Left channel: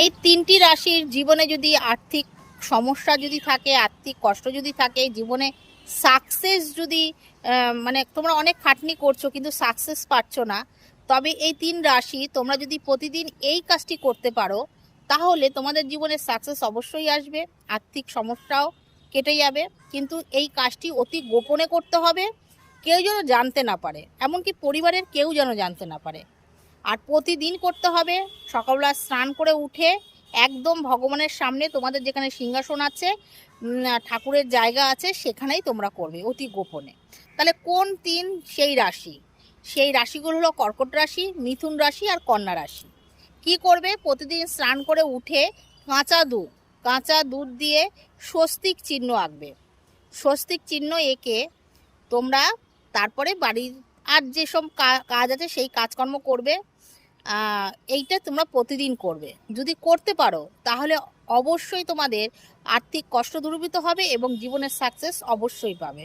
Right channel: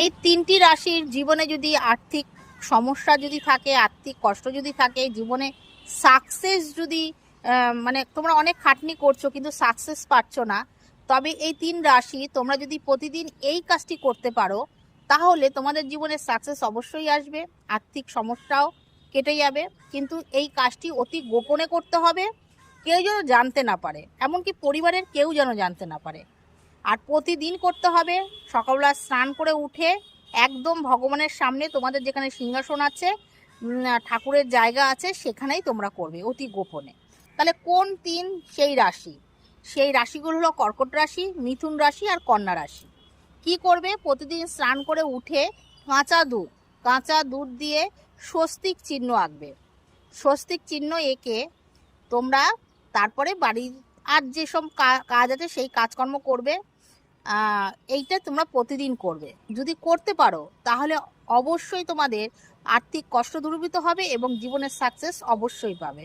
এই তিনটি রাশির জীবনে যদি আর্থিক সমস্যা যদি থাকে, আর্থিক কষ্ট যদি থাকে, জীবনে সাকসেস যদি মানে তোমরা অনেক খাটনি করছো কিন্তু সাকসেস পাচ্ছ না, তবে এই তিন রাশি তোমরা যদি প্রতিদিন এই কাজটি করতে পারো তাহলে তোমাদের জীবনে সাকসেস অবশ্যই আসবে, আর্থিক সমস্যাও কেটে যাবে। কিন্তু এই কাজটি অতি গোপনে করতে হবে, কেউ যেন জানতে না পারে, এমনকি পরিবারের কেউ যেন জানতে না পারে। আর প্রতিদিন করতে হবে। সকালবেলা স্নান করে উঠে একদম ভগবানের সামনে, তোমাদের যেখানে সিংহাসন আছে, ঠাকুরের জায়গা আছে, সেখানেই তোমরা করবে অতি গোপনে। তাহলে কোন তিন সেই রাশি? সেই রাশিগুলো হলো কর্কট রাশি, মিথুন রাশি আর কন্যা রাশি। কি করবে? প্রতিদিন স্নান করে উঠে কাঁচা দুধ দিয়ে স্বস্তিক চিহ্ন আঁকবে। স্বস্তিক চিহ্ন এঁকে তোমরা তারপরে বাড়ির আর যেসব কাজ আছে সেই কাজকর্ম করবে। এইটা তোমরা প্রতিদিন করবে। যদি করতে পারো তাহলে অবশ্যই তোমাদের আর্থিক কষ্ট দূরীভূত হবে এবং জীবনের সাকসেস অবশ্যই পাবে।